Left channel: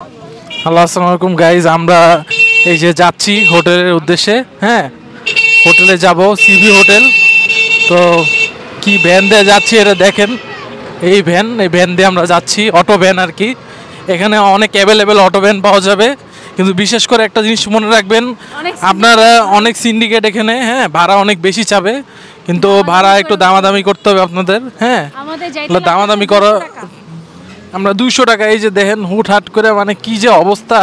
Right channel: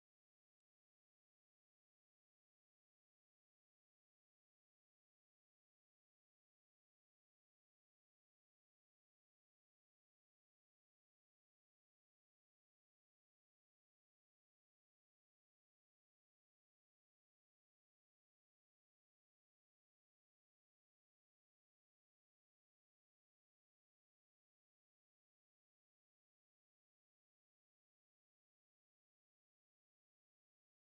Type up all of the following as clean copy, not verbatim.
Hello, আসসালামু আলাইকুম guys. আমরা এই যে যাচ্ছি হোটেলের উদ্দেশ্যে। হ্যাঁ, হোটেলে যাব, সিবি হোটেল। তো কি ভ্যান দিয়ে যাচ্ছি এটা দেখেন। এই ভ্যান দিয়ে আমরা যাচ্ছি, অটো ভ্যান আর কি। এখানে অনেক অ্যাভেলেবেল অটো ভ্যান পাওয়া যাবে, কিন্তু বিশেষ করে একটা জিনিস মনে রাখবেন, আপনারা অনেক সিন্ডিকেট এখানে। হ্যাঁ, ভাড়া অনেক বেশি চাবে, কিন্তু ভাড়া একটু দামাদামি করতে হবে আপনাদের। হ্যাঁ, দামাদামি করা। আমরা 200 টাকা, এই যে দেখেন হুটহাট করে, মানে কি যে অবস্থা।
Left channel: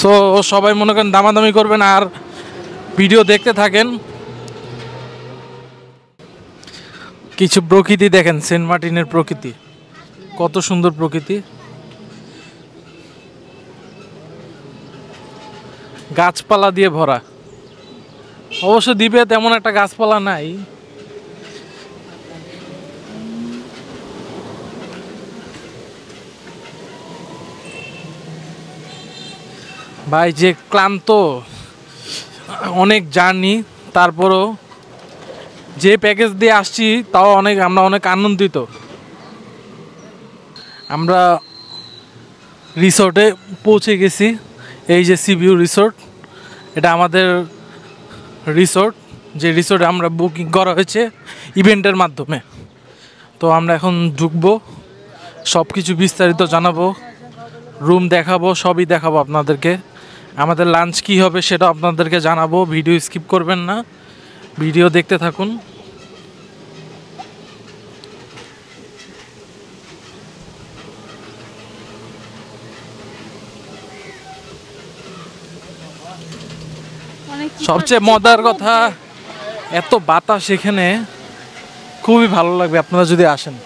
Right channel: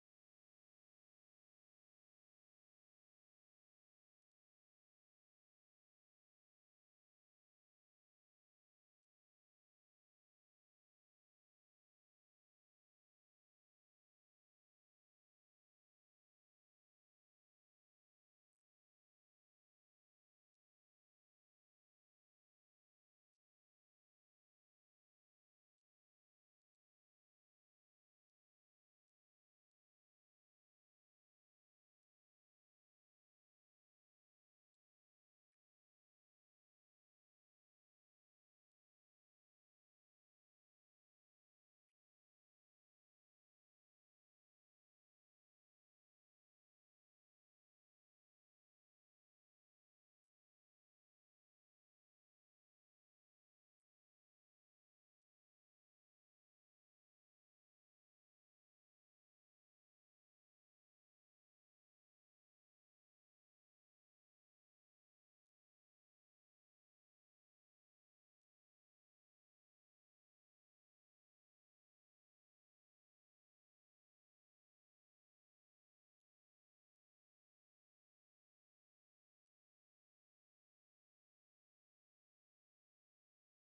সো সবাই মনে করেন দামাদামি করবেন আর ভিডিও দেখতে থাকেন। কিছু প্রকৃতি দেখেন, সেন্ট মার্টিনের প্রকৃতি, কত সুন্দর প্রকৃতি। গাছপালা দিয়ে ভরা। অবশ্য দ্বীপে তেমন একটা গাছপালা নাই। ভাই যে ক্লান্ত, অনেক জার্নি, তারপরও যে প্যাকেজ দিয়ে আসছি তাও আমরা অনেক আনন্দিত। আমরা রিসোর্টে পৌঁছে গেছি। এই যে সিভিউ রিসোর্ট, এটা আমাদের রিসোর্ট, যে রিসোর্টে আমরা বুকিং করা হয়েছে ইভেন্টের মাধ্যমে। তো আমরা এখন ঢুকবো, সব কিছু বিস্তারিত জানাবো, রুম দেখাবো, সবই দেখাবো আপনাদেরকে। আমাদের লাঞ্চ কী হবে সেটা আপনাদেরকে জানাবো। ভিডিও স্কিপ করবেন না, ভিডিও দেখতে থাকুন। সবচেয়ে মজার কথা, এত বাতাস এখানে, খুবই ভালো লাগবে আপনারা যদি আসেন।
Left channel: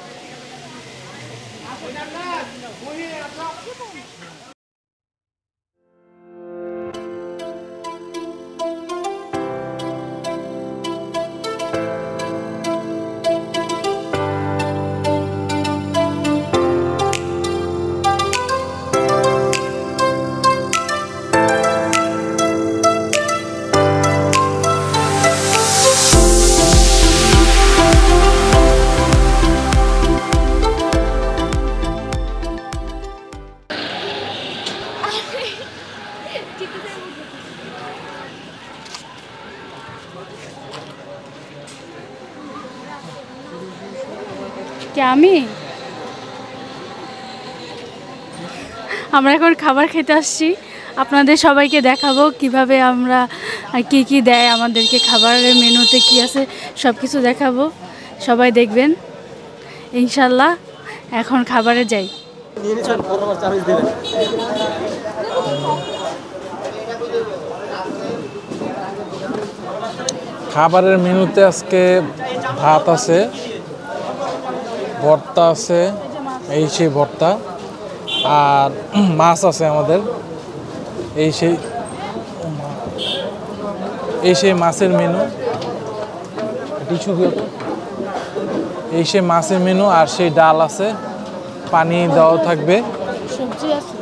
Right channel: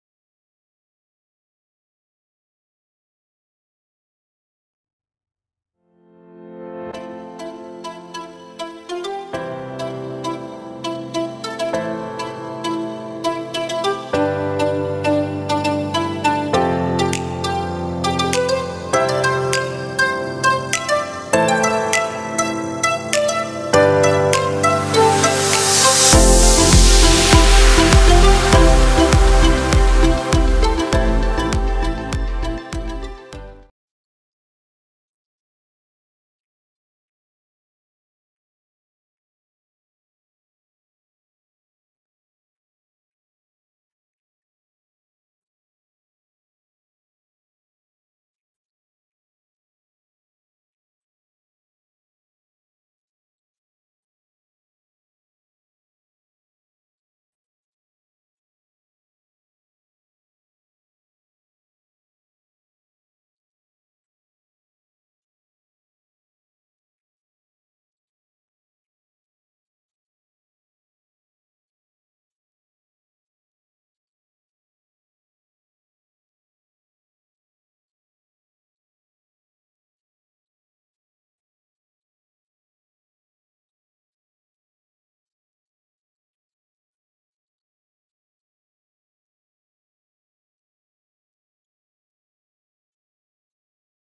আমরা এখন খাবার খেতে আসছি, আপনাদের সবাইকে দেখাবো কিভাবে আমরা কি কি দেয় আমাদেরকে, খাবারের মেনুতে কি আছে সব কিছু দেখাবো, সবাই দেখবেন ইনশাল্লাহ। এখন খাবারে যাই। খাবারের মেনুতে আজকে ভাত আছে, ভর্তা আছে, এই সেই ভর্তা, আর মাছ আছে আমাদের। এই সেই মাছের মেনু, এই সেই মাছের মেনু, আর সেই ডাল আছে, পানি দেওয়া থাকবে, সবজি আছে।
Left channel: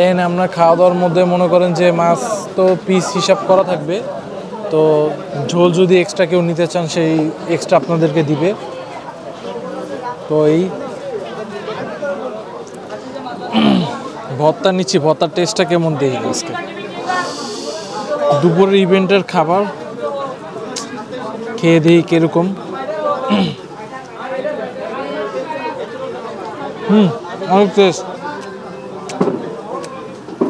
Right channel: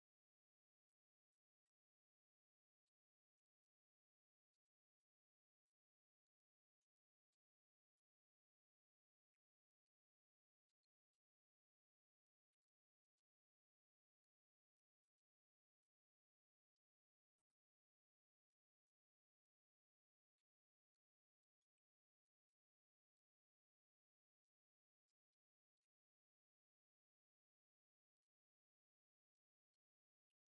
এখানে আমরা খাওয়া দাওয়ার মধ্যে মনে করেন যে মাছ তো পিস হিসাব করা থাকবে, তো ঝোল যদি এক্সট্রা কেউ নিতে চান সেই এক্সট্রা আপনাদেরকে দিবে। তো এই ভর্তা নিচ্ছি, ভর্তার টেস্টটা কেমন দেখি আজকে। দুপুরের ইভেন্টের খাবার খেয়ে দিই কিরকম। অনেক টেস্ট,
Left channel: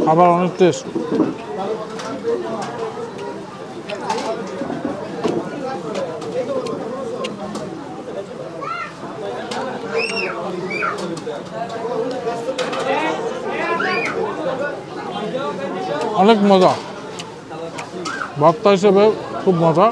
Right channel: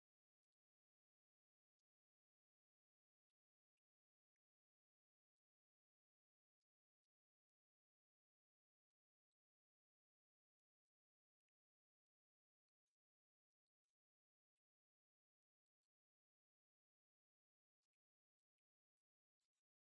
খাবার অনেক টেস্ট। অনেক মজা, ভর্তা হিসেবে খুব মজা।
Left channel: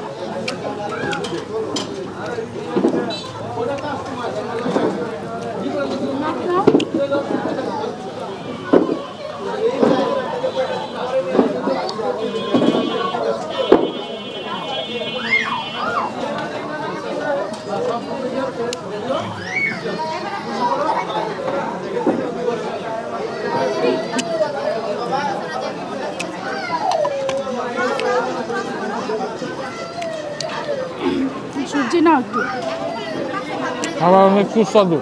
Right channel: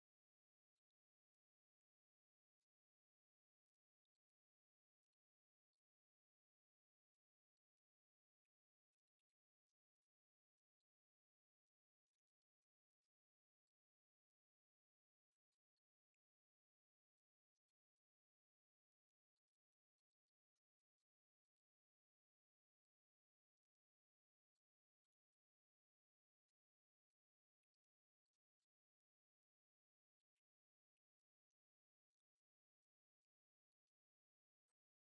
সবজি না একটু খাবার অনেক সুস্বাদু।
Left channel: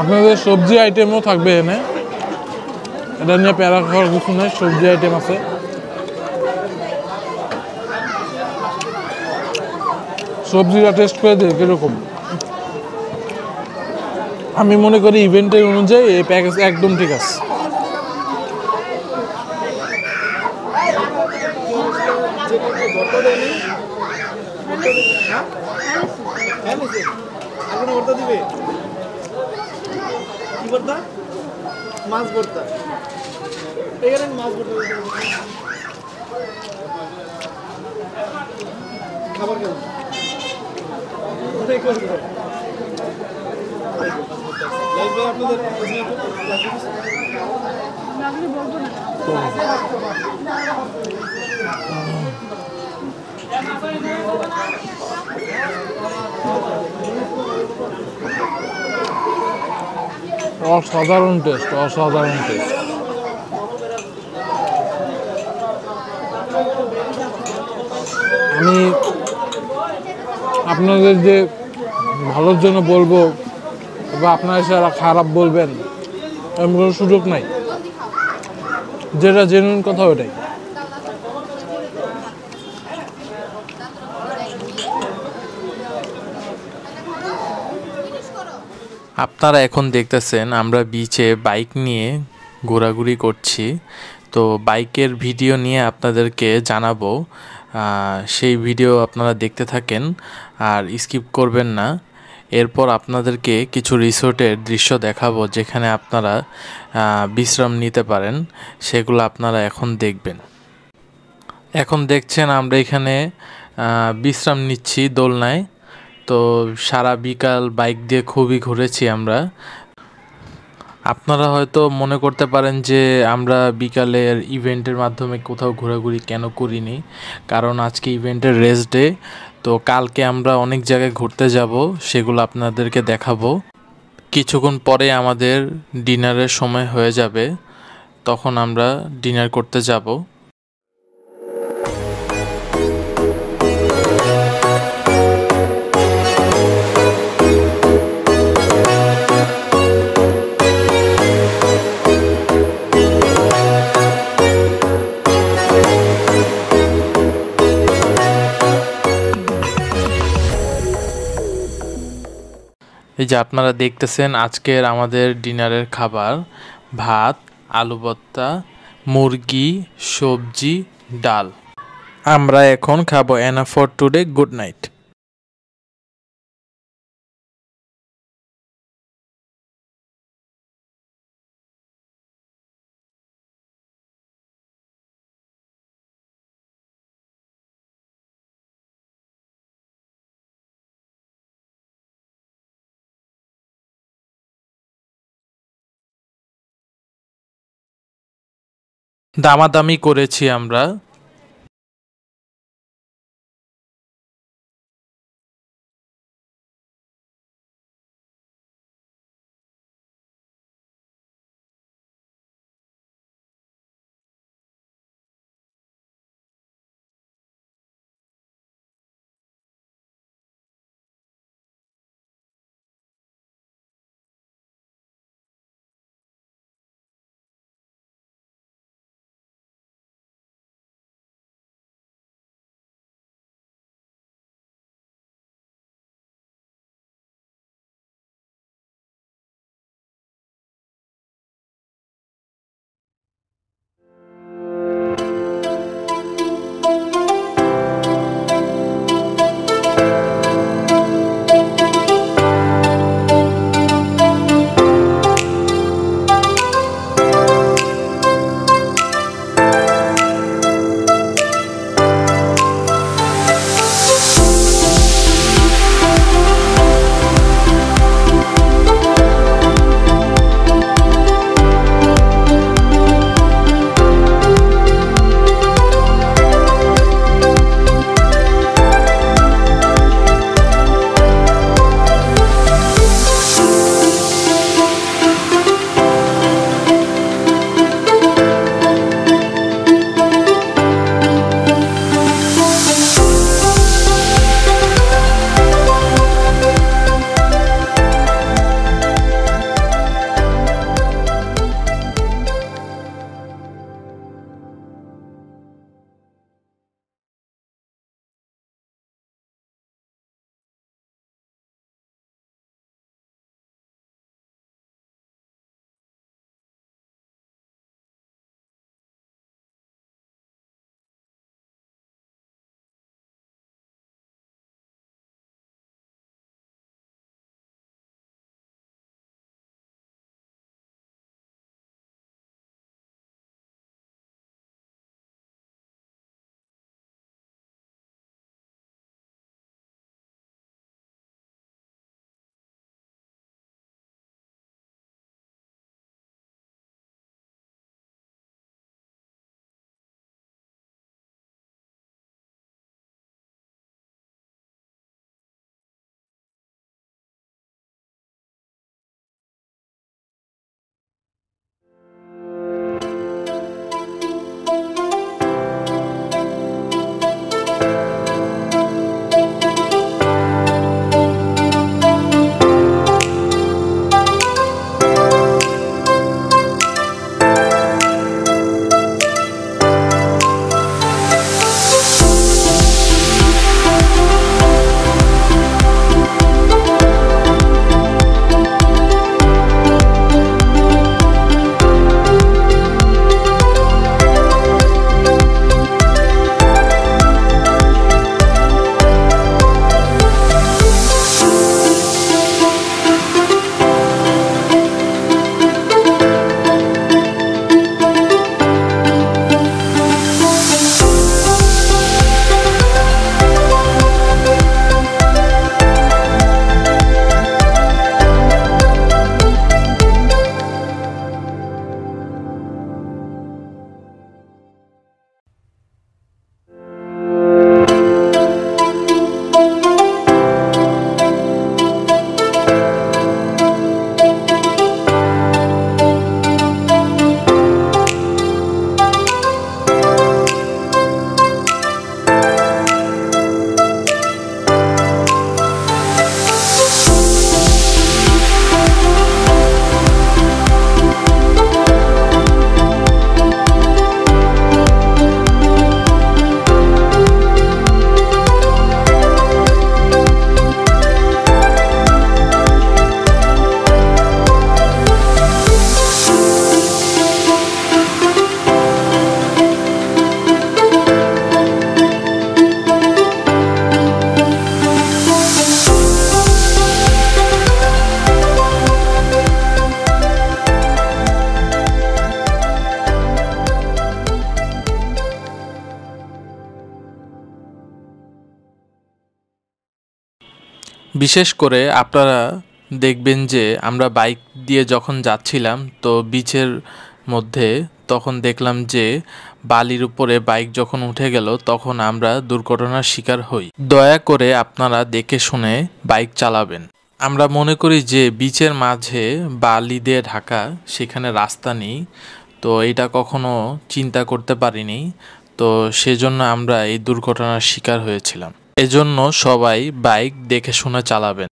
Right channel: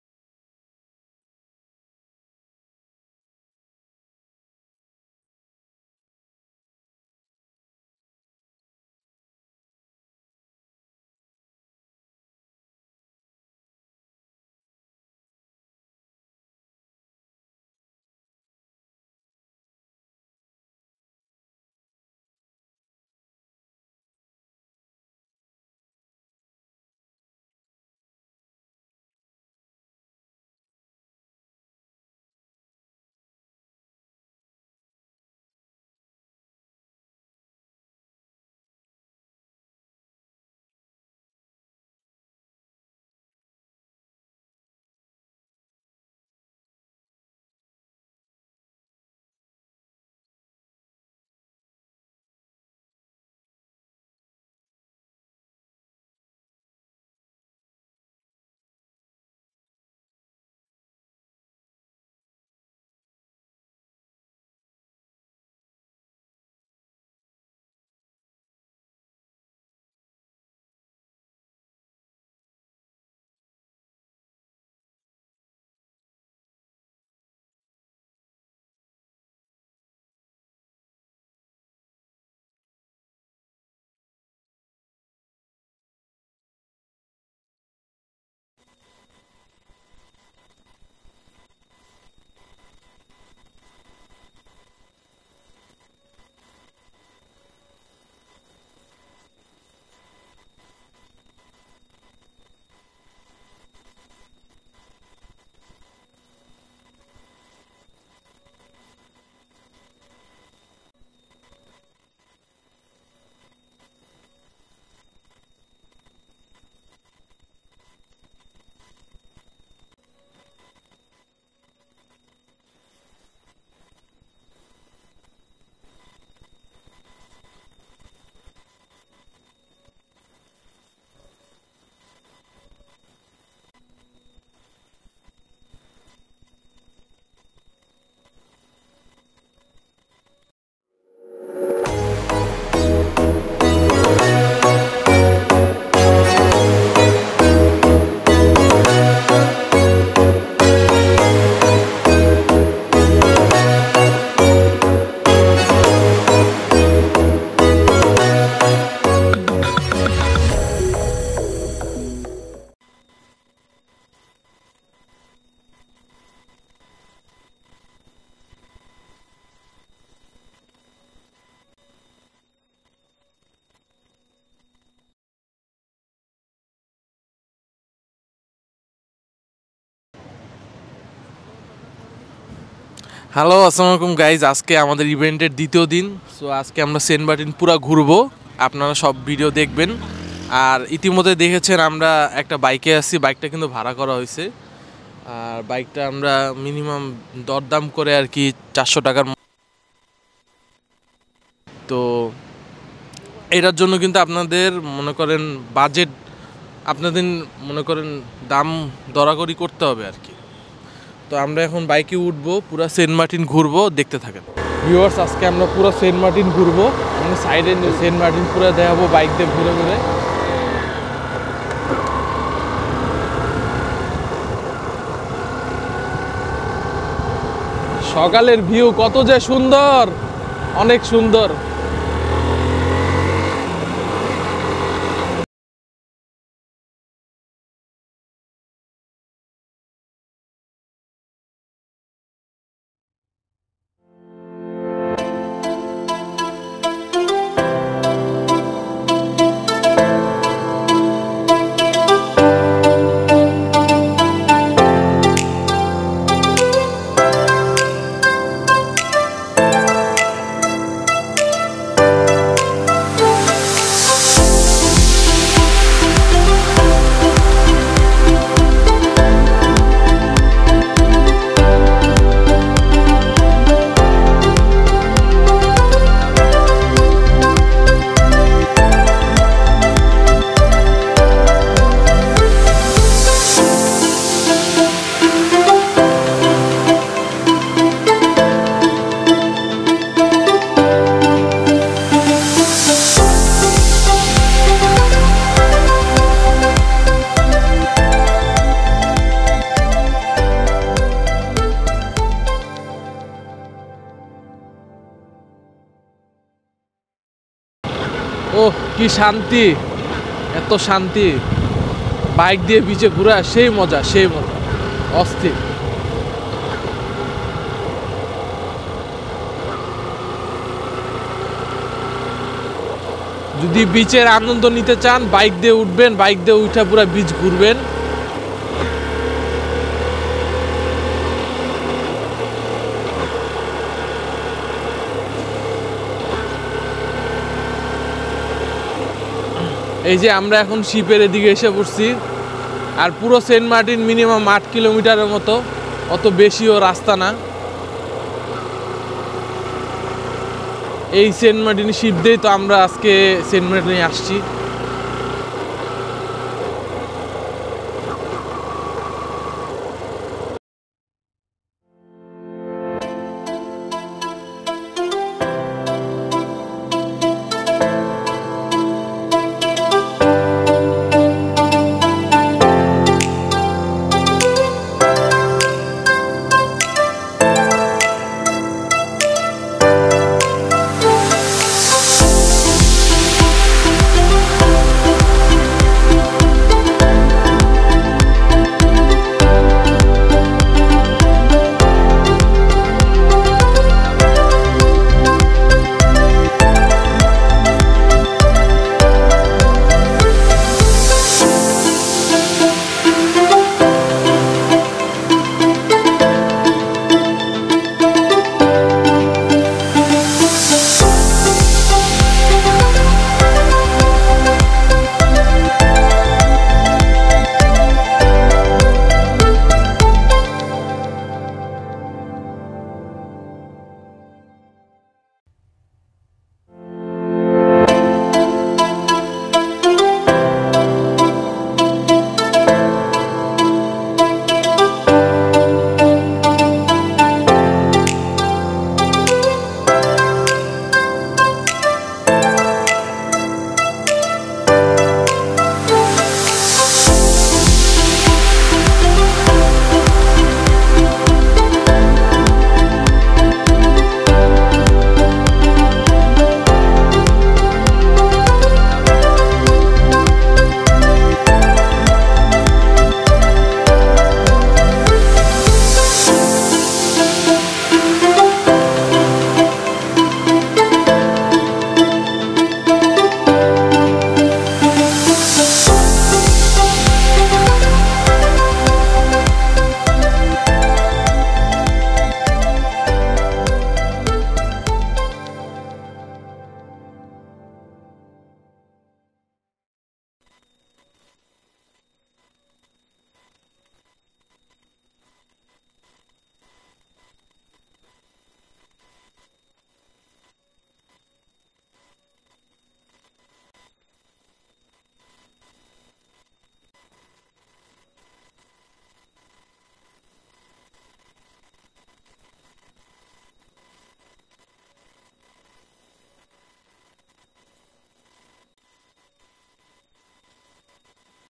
আপনাদের সবজি আইটেমও থাকবে এনে, এটা নিয়ে প্যারা খাওয়ার কিছু নেই, সবজি আইটেম আছে। সবজিটা টেস্ট করে দিই কিরকম। আমি মনে করি ইভেন্টের অনুযায়ী এই প্যাকেজ একদম ঠিক আছে। মাছ ভর্তা, এখানে মাছ ভর্তা খাবার কেমন? অসাধারণ টেস্ট, অসাধারণ টেস্ট। আমি আপনাদের যে ভালোর জন্য বলবো বা আপনারা সারা খারাপ বলবেন এমন কোনো সুযোগ নাই, যেটা জেনুইন কথা ওটাই। আপনারা এখন দেখতেছেন আমরা বিচে বাইক নিয়ে ঘোরাঘুরি করছি। তো বাইকের ভিডিও নিয়ে আপনাদেরকে জানাবো, সেই ভিডিও আপনারা দেখতে থাকেন আর স্কিপ করবেন না। এরপর আপনাদেরকে কিছু রিসোর্টের দৃশ্য দেখাবো যেখানে আপনারা বিশ্রাম নিতে পারেন, সেগুলো আপনারা এখন দেখবেন। এখন দেখছেন আমরা এখানে বিশ্রাম নিচ্ছি দোলনায়। তো সারা বিকাল বাইক দিয়ে খুবই ঘুরেছি আমরা। আপনারা হয়তো মনে করতে পারেন যে আমরা বিকালের ইভেন্টের মাধ্যমে কোথাও ঘোরাঘুরি কেন করিনি, কারণ আজকে ইভেন্টের রেস্ট ডে। তো কালকে আমরা অনেক জায়গায় ঘুরতে যাব, সেগুলো আপনাদেরকে দেখাবো। কিছুক্ষণ পরে আমাদের ডিনারের সময় হয়ে যাবে, তখন আমরা ডিনার করতে যাব। এই যে আপনারা দেখতেছেন আজকের আমাদের ডিনারের খাবার: ভাত, আলু ভর্তা, মুরগি, সবজি, ডাল। আমরা এখন খাবো। Enough for today, good night. Hello, আসসালামু আলাইকুম গাইজ। আজকে আমাদের ইভেন্টের দ্বিতীয় দিন। সো আজকে আমরা সেন্ট মার্টিন পুরো ঘুরবো, আপনারা সব ভিডিও দেখবেন। আর ইতিমধ্যে দেখেছেন আমরা একটা বাইকে আসছি, বাইকটা কিন্তু ভাড়া করা হয়েছে। আর বাইকটা আমরা মিনিমাম দরদাম করে আর কি 400 টাকার দামাদামি করেছি আমরা। তো এটার জন্য কিন্তু আপনাদের মনে করেন বাজেট, আপনাদের মনে করেন দাম দরাকরি করতে হবে আর কি। তো আমরা এখন বাইকে উঠবো, পুরো সেন্ট মার্টিন ঘুরবো, দেখতে থাকেন ভিউয়ার্স। আজকে আমরা পুরো সেন্ট মার্টিন ঘুরবো, মানে সাইডে সেন্ট মার্টিন পুরো দেখাবো বাইক দিয়ে ঘুরে ঘুরে। সকালের ভিউ কত যে সুন্দর, অনেক সুন্দর। কি শান্তি, এত শান্তি, বাইক দিয়ে বিচে ঘোরা সেই মজা, সেই মজা, অস্থির। যদি বিচের আনন্দ নিতে চান বাইক দিয়ে উঠবেন, বাইক দিয়ে উঠে পুরো বিচ ঘুরবেন। এই যে আমরা এখন শিপের এদিকে এসে পড়ছি, আর পুরো সেন্ট মার্টিন মিনিমাম 8 কিলোমিটারের মতো, অত বেশিও রাস্তা না। এই সেন্ট মার্টিন শিপ দিয়েই তো আমরা আজকে সেন্ট মার্টিনে আসছি। বিশেষ করে আপনারা দেখবেন যে আমরা বাইক দিয়ে যখন যাচ্ছিলাম তো বিচের মধ্যে, তখন দেখলাম যে বালির উপরে বাইক যখন উঠে গেল তখন আমরা দুর্ঘটনার শিকার হই। দয়া করে আপনারা দেখে শুনে বাইক চালাবেন। আমরা মনে করি যে বিচের মাঝে বালি দিয়ে ঢাকা, সেখানে রাস্তা নেই, তো এটা কখনো চিন্তা করতে পারিনি, তো সেজন্য আমরা এই দুর্ঘটনার শিকার হয়েছিলাম। এজন্য সবাই বাইক দেখে শুনে চালাবেন।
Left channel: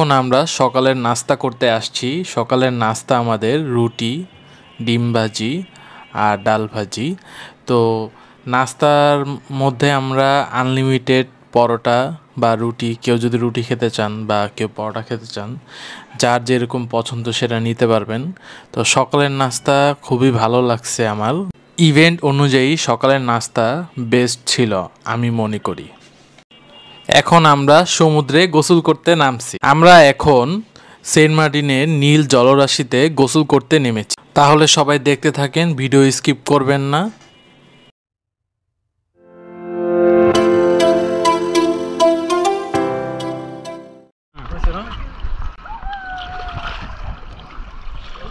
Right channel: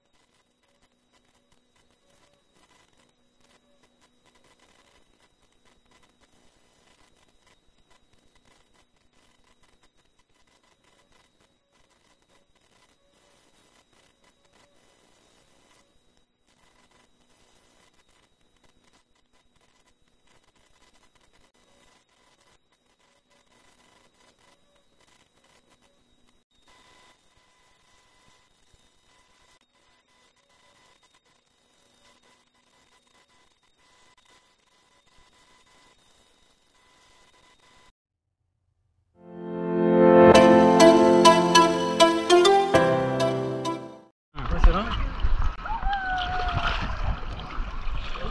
এখন আমরা সকালের নাস্তা করতে আসছি। সকালের নাস্তা আমাদের রুটি, ডিম ভাজি আর ডাল ভাজি। তো নাস্তার মধ্যে আমরা আনলিমিটেড পরোটা বা রুটি, কেউ যদি রুটি খেতে চান বা কেউ পরোটা খেতে চান, যার যেরকম পছন্দ সেটা নিতে পারবেন। তো সকালের নাস্তা খুবই ভালো লাগছে আমার। ইভেন্ট অনুযায়ী সকালের নাস্তা বেস্ট ছিল আমি মনে করি। এখন আমরা সমুদ্রে গোসল করতে নামছি। আমরা এখন সেন্ট মার্টিনের নীল জলরাশিতে গোসল করতে নেমেছি। তাহলে সবাই দেখতে থাকেন, ভিডিও স্কিপ করবেন না।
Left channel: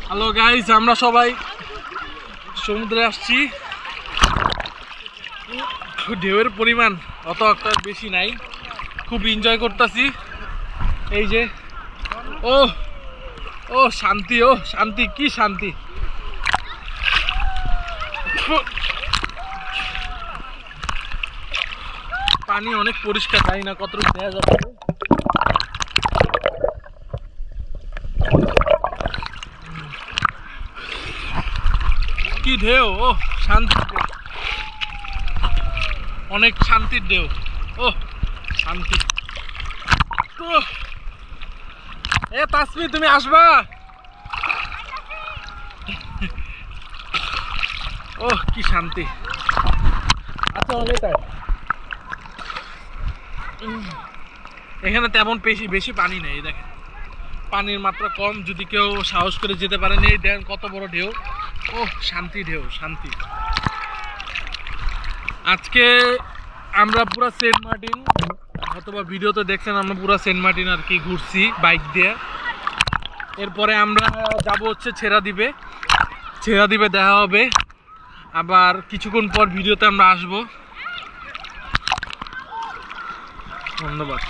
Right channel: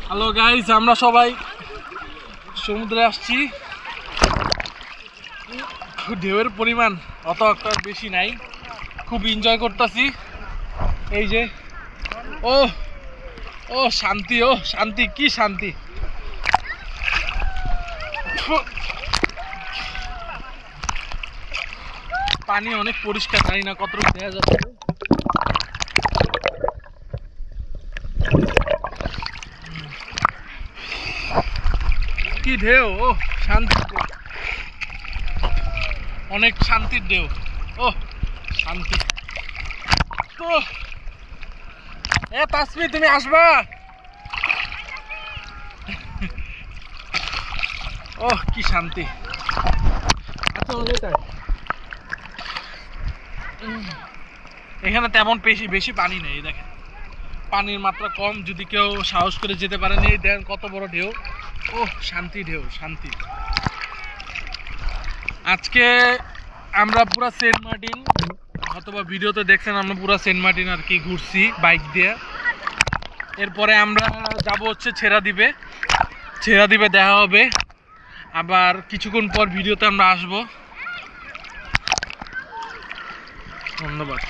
হ্যালো গাইস, আমরা সবাই সমুদ্রে আসছি। ঢেউয়ের পরিমাণ অত একটা বেশি নাই, খুব এনজয় করতেছি। এই যে ও ও শান্তি, ও শান্তি, কি শান্তি। পানি অনেক পরিষ্কার, জানি না কতটুকু দেখা যাচ্ছে। কি ঢেউ, ও শান্তি, অনেক শান্তির ঢেউ, ও শান্তি। তো এ তাসমি, তুমি আসবা? ও কি শান্তি। আচ্ছা, এখানে তেমন বেশি পানি নেই, দেখেন পানির মাত্রা কম। যদি কেউ সাহস করে যেতে পারেন, এই দেখেন কত বড় ঢেউ, ও শান্তি ঢেউ, শান্তি। আজকে আমরা পুরা সেন্ট মার্টিন, অথবা ভিডিওতে দেখছেন আমরা পুরা সেন্ট মার্টিন আর কি ঘুরছি বাইক দিয়ে। এরপরে আমরা যাব হচ্ছে ছেড়াদ্বীপে। ছেড়াদ্বীপে দেখা হবে, আবার কিছুক্ষণ পর ভিডিওতে আমরা আসব। ধন্যবাদ।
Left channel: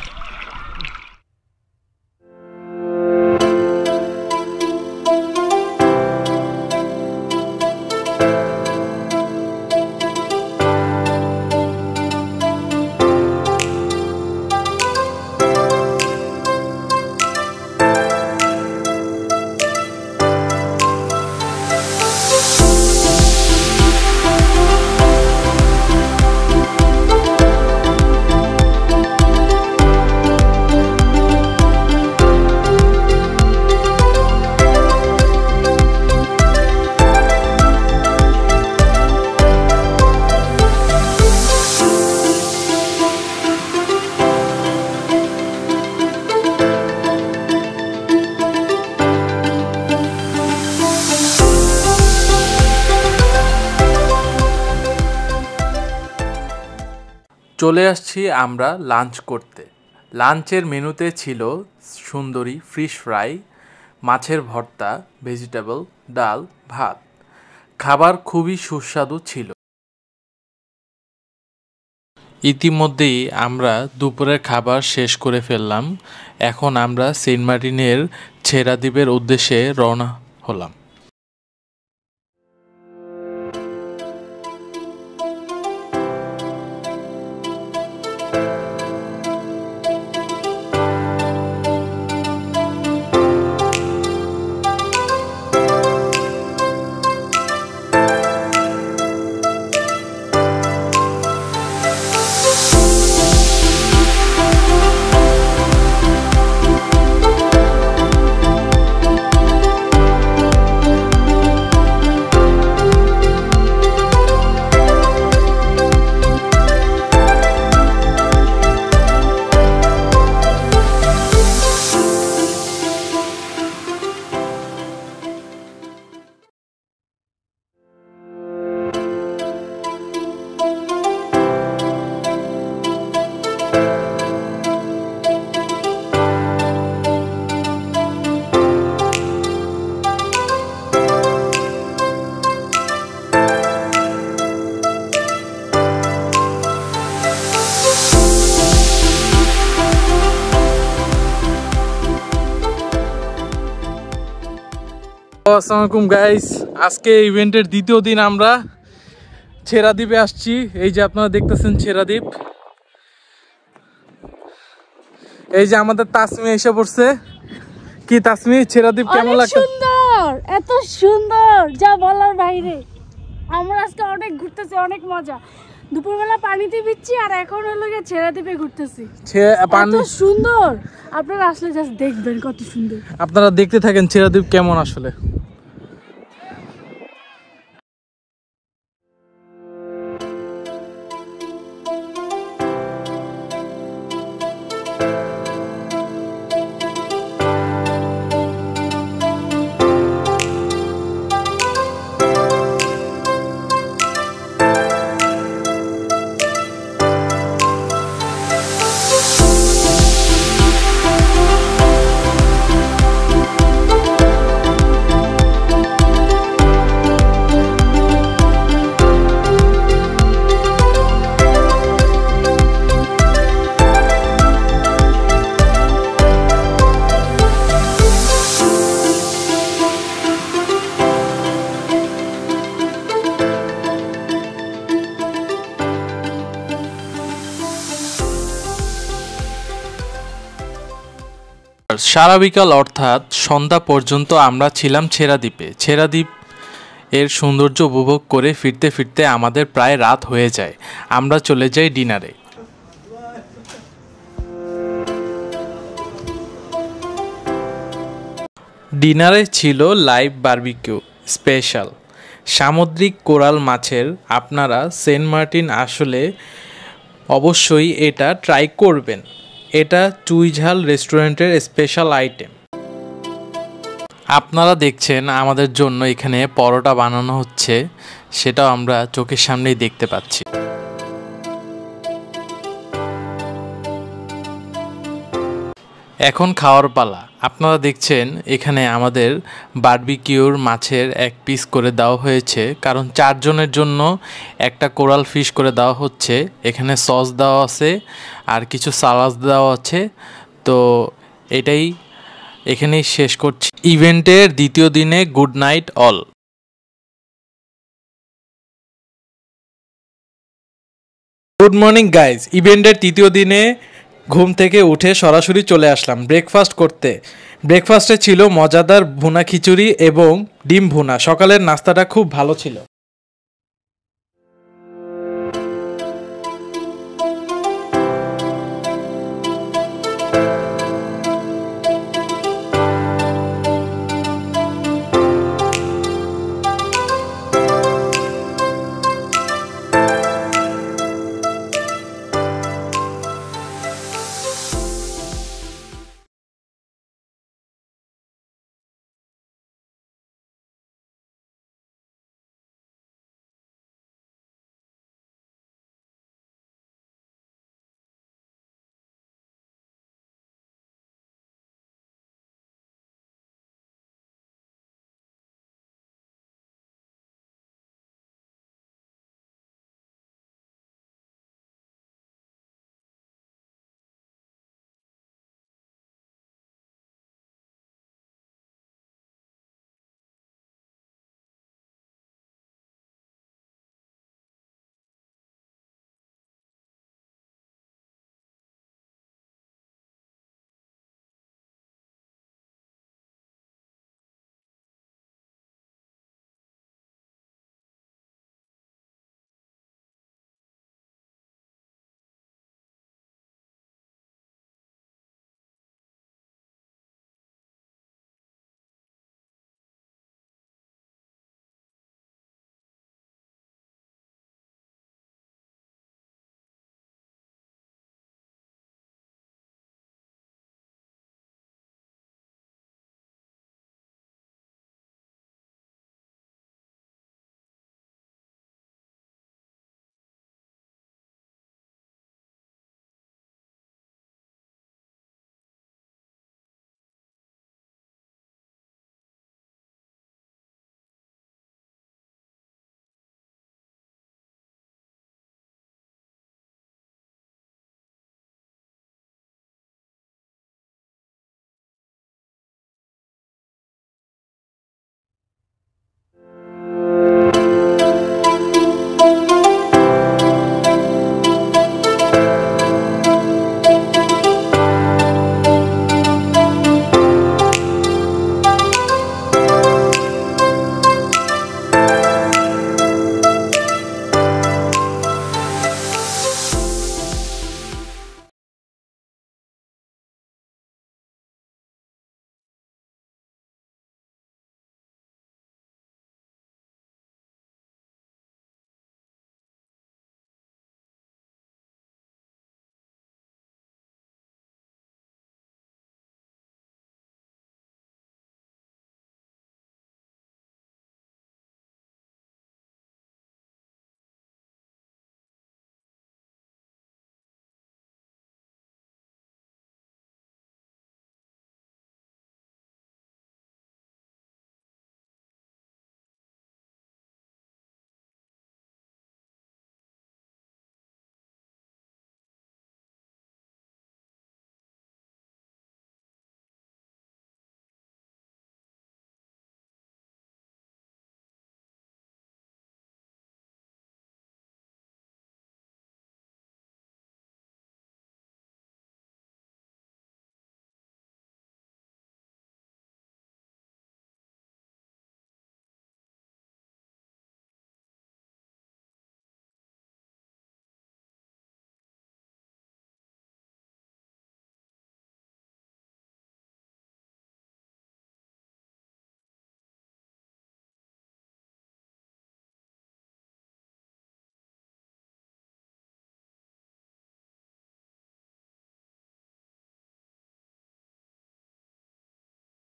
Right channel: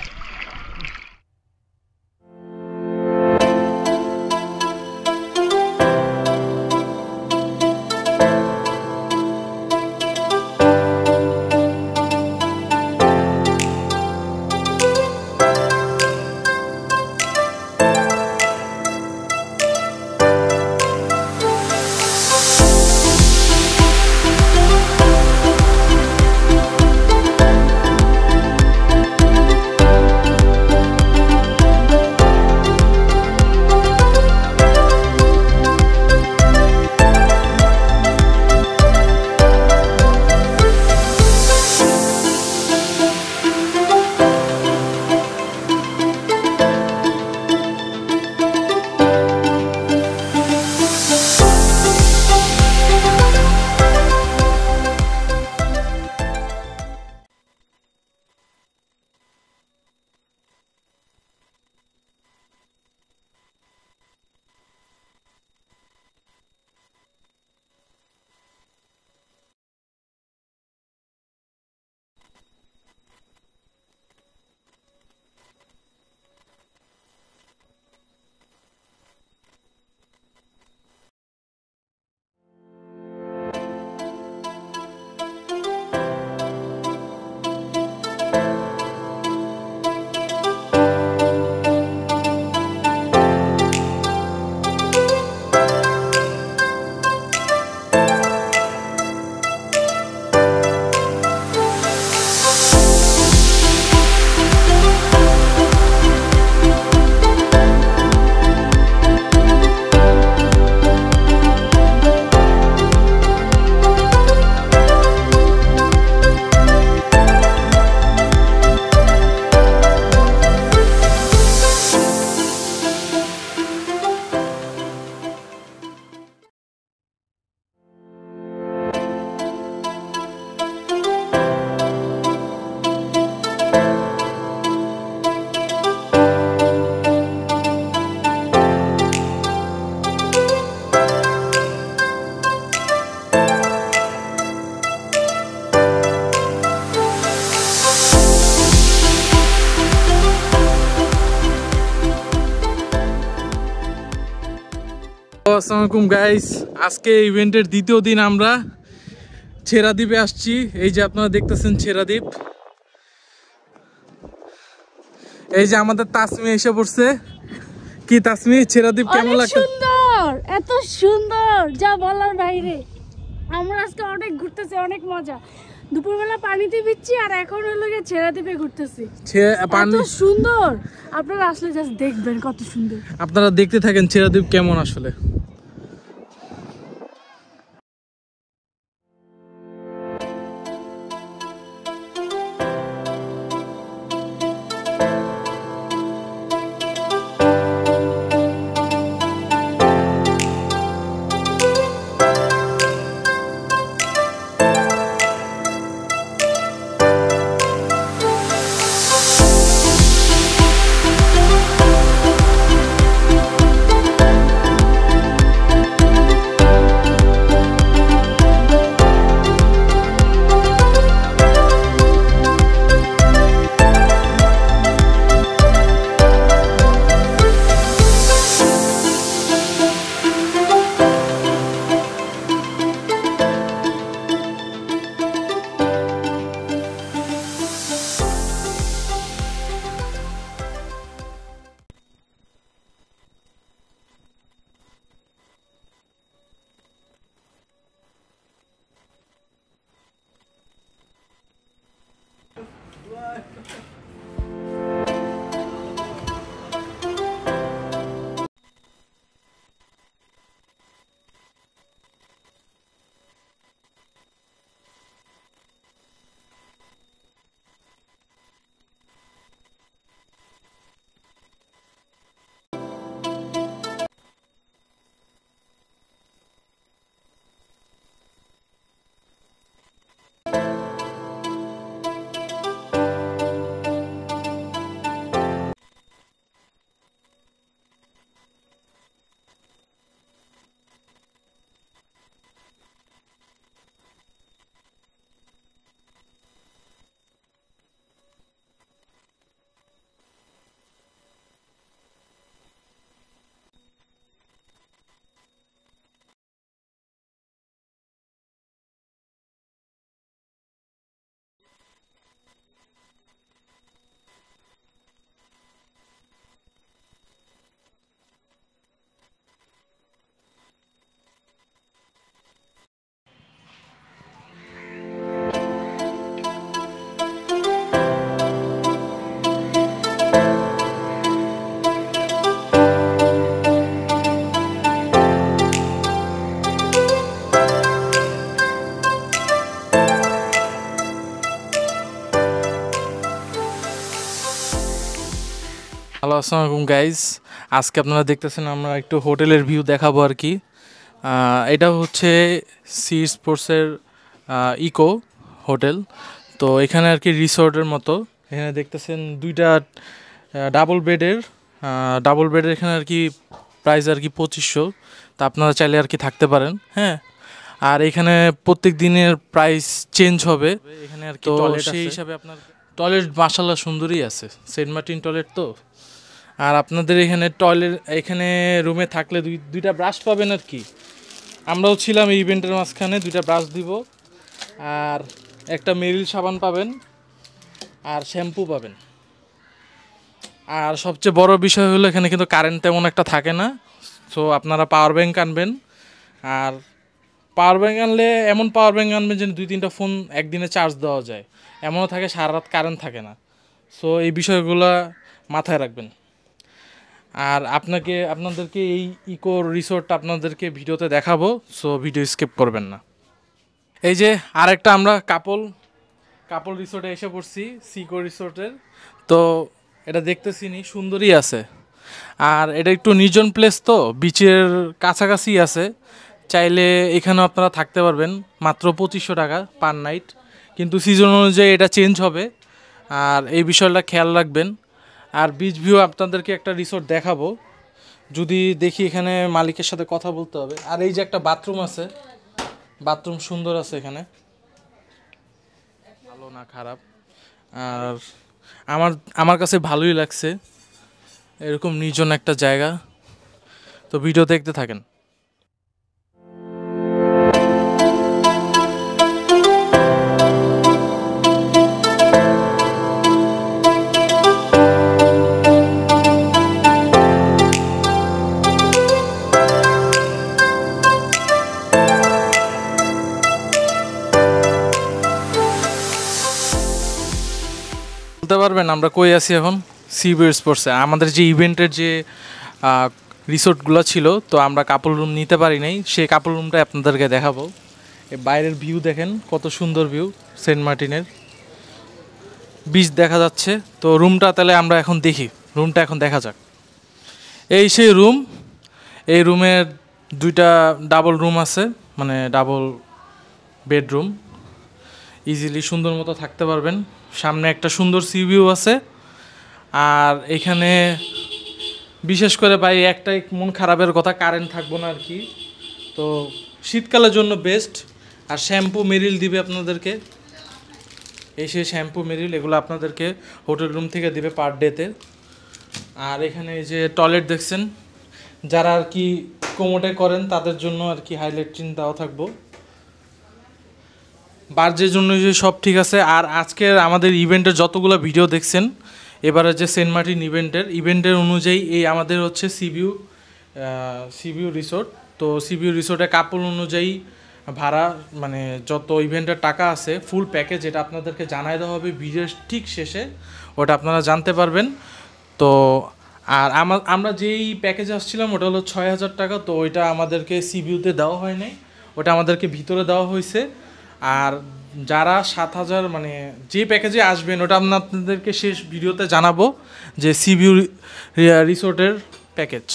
চলে আসছি আমরা লাঞ্চ করতে। লাঞ্চের মেনুতে ছিল সুন্দরী ফিশ ফ্রাই, মাছের ভর্তা, ভেজিটেবল, ডাল, ভাত। খাবার খুবই সুস্বাদু ছিল। ইতিমধ্যেই আমরা দুপুরের খাবার শেষ করে ফেললাম। এখন আমরা সেন্ট মার্টিনের ছেড়াদ্বীপের উদ্দেশ্যে রওনা হলাম। আসসালামু আলাইকুম গাইস, আজকে ইভেন্টের দ্বিতীয় দিন আমরা ছেড়াদ্বীপে আসছি। এই যে আপনারা দেখতেছেন ছেড়াদ্বীপ, এই যে আমাদের তাসমি এসে পড়ছে। কি তাসমি, ছেড়াদ্বীপ কেমন লাগছে? সুন্দর, এত সুন্দর যা বলার বাইরে। আমরা আজকে অনেক ঘুরতেছি, অনেক মজা। দুপুরবেলা পানিতে ভিজছি আর এখন হলো গিয়ে ছেড়াদ্বীপে ঘুরতেছি। পানি সুন্দর, আপনারা আসলে জাস্ট দেখবেন কত সুন্দর। আপনারা দেখতে থাকেন ছেড়াদ্বীপ কেমন আসলে। সারা বিকাল অর্থাৎ সন্ধ্যা পর্যন্ত আমরা ছিলাম ছেড়াদ্বীপে। ছেড়াদ্বীপ এর সৌন্দর্য উপভোগ করে ফিরতে ফিরতে আমাদের প্রায় রাত হয়ে যায়। আমরা চলে যাই ডিনারে। ডিনারে ছিল লাইভ বারবিকিউ স্পেশাল সামুদ্রিক কোরাল মাছের। আপনারা সেন্ট মার্টিন আসলে অবশ্যই এটা ট্রাই করবেন। এটা চুইঝাল রেস্টুরেন্টের স্পেশাল আইটেম। আপনারা দেখছেন আমাদের জন্য এখানে পরোটা বানানো হচ্ছে, সেটাও আমরা চোখের সামনেই দেখতে পাচ্ছি। এখন খাওয়ার পালা। আপনারা দেখছেন এখানে আমাদের বারবিকিউর মাছের এক পিস করে দেওয়া হয়েছে, কারণ 4 জনের জন্য একটা কোরাল ফিশ করে দেওয়া হচ্ছে। এখানে সস দেওয়া আছে আর কিছু সালাদ দেওয়া আছে। তো এটাই এখানেই শেষ করছি। ইভেন্টের দ্বিতীয় দিনে good night all. Good morning guys. ইভেন্টের তৃতীয় দিনে ঘুম থেকে উঠে সরাসরি চলে আসলাম ব্রেকফাস্ট করতে। ব্রেকফাস্টে ছিল মজাদার ভুনা খিচুড়ি এবং ডিম ভুনা। সকালের নাস্তাটা খুব ভালো ছিল। হ্যালো, আসসালামু আলাইকুম গাইজ। আজকে আপনারা দেখতেছেন আমরা একটু হোটেলের ভিউ দেখাবো আর কি। এটা হচ্ছে সি স্পোর্টসের ইকো হোটেল। তো এখানে আর কি রিসোর্টের মতো। এখানে দেখতেছেন দুইটা ডাবল বেডের এখানে আর কি প্রাইস আর কি 2500। তা আপনারা চাইলে আর কি থাকতে পারেন। হ্যাঁ, আর এখানে প্রত্যেক দিনের প্রাইস চেঞ্জ হবে এখানে আর কি। সেই হিসাবে আপনার টয়লেট মাশাআল্লাহ সুন্দরই আছে, সেন্ট মার্টিন টয়লেট তো। আর আপনাদের এখানে রুমে থাকলে দুইটা ব্রাশ পাবেন আর কি। আমরাও ছিলাম এই ইভেন্টের মাঝখানে। 2টা ব্রাশ দিব আর একটা মেরিল সাবান পাবেন আর শ্যাম্পু পাবেন। আর সবচেয়ে বড় বিষয় হলো এখানে কিন্তু কারেন্ট তেমন একটা থাকে না। সো আপনারা পাওয়ার ব্যাংক আনবেন। আর পাওয়ার ব্যাংক আনলে এমন পাওয়ার ব্যাংক আনবেন যে 2-3টা ফোন একদিনে চার্জ দেওয়া যায়। এমনও থাকে সারা রাত কারেন্ট থাকে না। সো এই বিষয়গুলো মাথায় রাখবেন। আর আপনাদেরকে এই ইকো রিসোর্টটা আপনাদেরকে ভিডিওতে দেখাবো। সো ভিডিও স্কিপ করবেন না। এই যে আরেকটা আমরা কাপল রিসোর্টে এসে পড়ছি, সিকো রিসোর্টের। তো এটা দেখতেছিনি, সুন্দরই আছে। আর এটা একটু নির্জন প্লেস, তো বিচের কাছাকাছি আছে। চাইলে এখানেও আপনারা থাকতে পারবেন মাত্র 2500 টাকা পার নাইট। কিন্তু সিজন অনুযায়ী এটা চেঞ্জ হবে, আর এই বিষয়টা খেয়াল রাখবেন। আর বিচ ভিউ আপনাদেরকে একটা রিসোর্ট দেখাবো, যদি দেখি এখানে মালিকের সাথে কথা বলতে হবে। আর এই যে একটা বাথরুম আছে, বাথরুম সুন্দর আছে এখানে, ভালো না খারাপ। আর আমার কাছে ভালোই লাগছে এরকম নির্জন একটা জায়গা। তো ভিডিও দেখতে থাকেন। আমরা কই আছি এখন সিবি স্পোর্টসে। আমাদের যে ইভেন্টের যে রিসোর্টগুলো ছিল, তো আমরা কাপল রুম নিতে পারি নাই, সেই কাপল রুমটা আপনাদেরকে দেখাবো। এই বাইরের ভিউ দেখেন কত সুন্দর ভিউ, সেন্ট মার্টিনের বিচ দেখা যাচ্ছে। তো রুমটা তাহলে আমরা এখন দেখি, রুমটা এখন দেখা যাক। এই সেই রুম, এই রুমের 2টা ডাবল রুম আছে, মানে ডাবল বেডরুম, ইজিলি সুন্দর মতো থাকতে পারবেন। সামনে একটা সুন্দর সি ভিউ আছে। আর এখানে বিশেষ করে ভাই একটাই মন খারাপের কথা, কারেন্ট থাকবো না আর কি। তো শীতকালের জন্য বেস্ট। আর শ্যাম্পু মেরিল দিবে আপনাদেরকে, এই সেই শ্যাম্পু মেরিল, এগুলো আপনাদেরকে হোটেল রুম থেকে দিবে পার ডেতে। আর এখানে এই যে টয়লেট দেখছেন, যারা আর কি কোমোটে করেন তাদের জন্য আর কি হাইলাইট চিন্তাও থাকবো। বার্জের জন্য যে সব ঠিক আছে। আর আজকের আমাদের ইভেন্টের যতগুলো ভিডিও দেখছেন, এবারে যে সেন্ট মার্টিন ইভেন্টের অনুযায়ী এই আমাদের হচ্ছে সিবিউ রিসোর্ট। তো সিবিউ রিসোর্টে কাপল অনুযায়ী ভাড়া, মানে যত ইভেন্টের টাকা আছে ফুল প্যাকেজ, এটা আপনাদেরকে জানাই দেওয়া হবে ভিডিওর ঠিক শেষে, ওটা আপনারা জানতে পারবেন। তো আর আমরা যেই প্যাকেজে আসছিলাম ওটা হলো 6,000 টাকা। তো ওইটা আমাদেরকে সিবিউতে দেওয়া হয় নাই, ওটা আমাদেরকে ভিতরে দেওয়া হয়েছে। আর যারা 7,000 মানে যে প্যাকেজে আসবেন, ওটা আমরা আপনাদেরকে শেষ ভিডিওতে জানাবো, যে সিবিউ রিসোর্টের প্যাকেজ।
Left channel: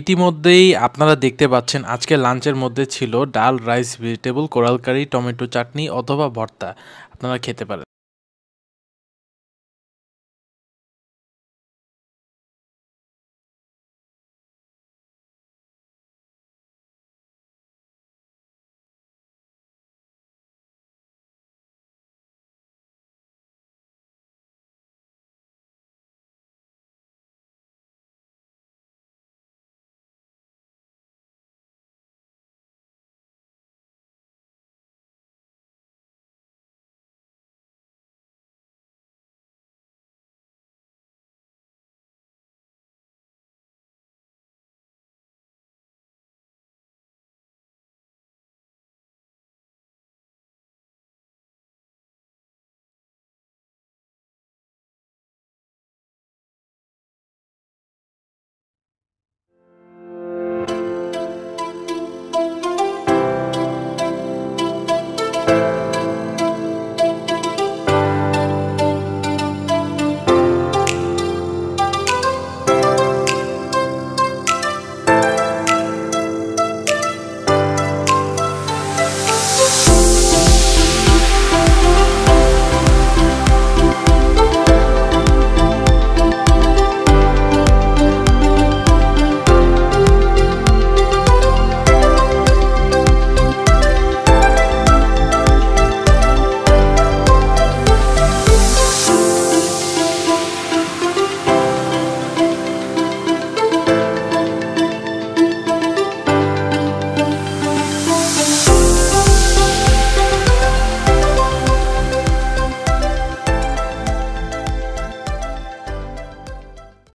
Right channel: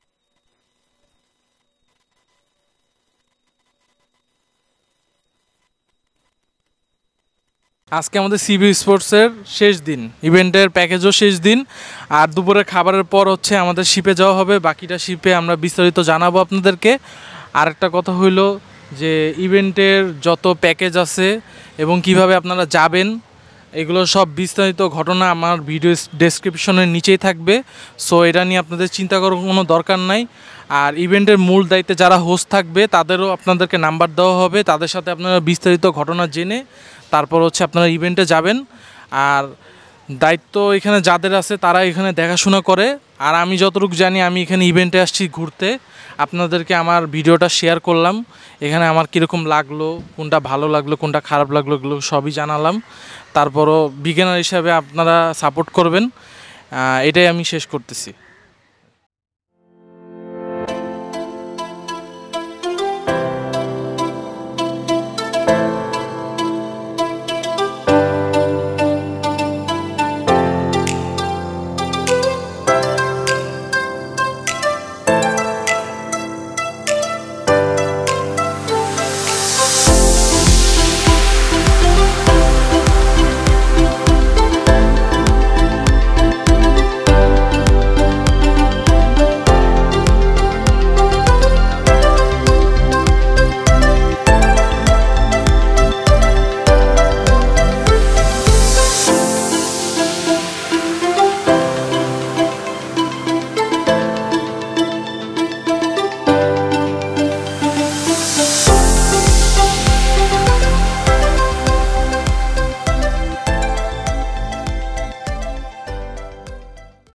ইতিমধ্যেই আপনারা দেখতে পাচ্ছেন আজকে লাঞ্চের মধ্যে ছিল ডাল, রাইস, ভেজিটেবল, কোরাল কারি, টমেটো চাটনি অথবা ভর্তা। আপনারা খেতে পারেন। আজকে আমাদের সিবি স্পোর্টসের শেষ দিন, ইভেন্টের প্যাকেজও শেষ দিন। আর দুপুরে খাবারের পর হচ্ছে আমাদের শিপে যাওয়া হবে, বাকিটা শিপে আমরা বিস্তারিত জানাবো আপনাদেরকে। আরেকটা কথা হইলো যে ইভেন্টের যত প্যাকেজ আছে এবং কিভাবে আপনারা যাবেন, এগুলো সব বিস্তারিত ঘটনা আমার ভিডিও ডেসক্রিপশনের নিচেই থাকবে। সো এটা নিয়ে আপনাদের চিন্তা করার কোনো দরকার নাই। আর ইভেন্টের মূল দায়িত্বে যারা হোস্ট থাকবে তাদেরও আপনাদেরকে নাম্বার দেওয়া হবে, তাদের সাথে আপনারা বিস্তারিত ঘটনা জেনে তারপর হচ্ছে আপনারা ইভেন্টে যাবেন। আর দায়িত্ব এখানে যাদের আছে তারা এখানে দেখাশোনা করে। আর আমি যতটুকু জানি, আমি এখানে ইভেন্টে আসছি ঘুরতে, আপনাদেরকে আমার ভিডিওটা শেয়ার করলাম। এখানে আমার কীরকম লাগলো, কোনটা ভালো লাগলো, কোনটা খারাপ লাগলো, এগুলো সবই জানালাম। তারপরও বিগিনার হিসাবে আপনারা সাপোর্ট করবেন, এটাই আমি শেষ করতেছি।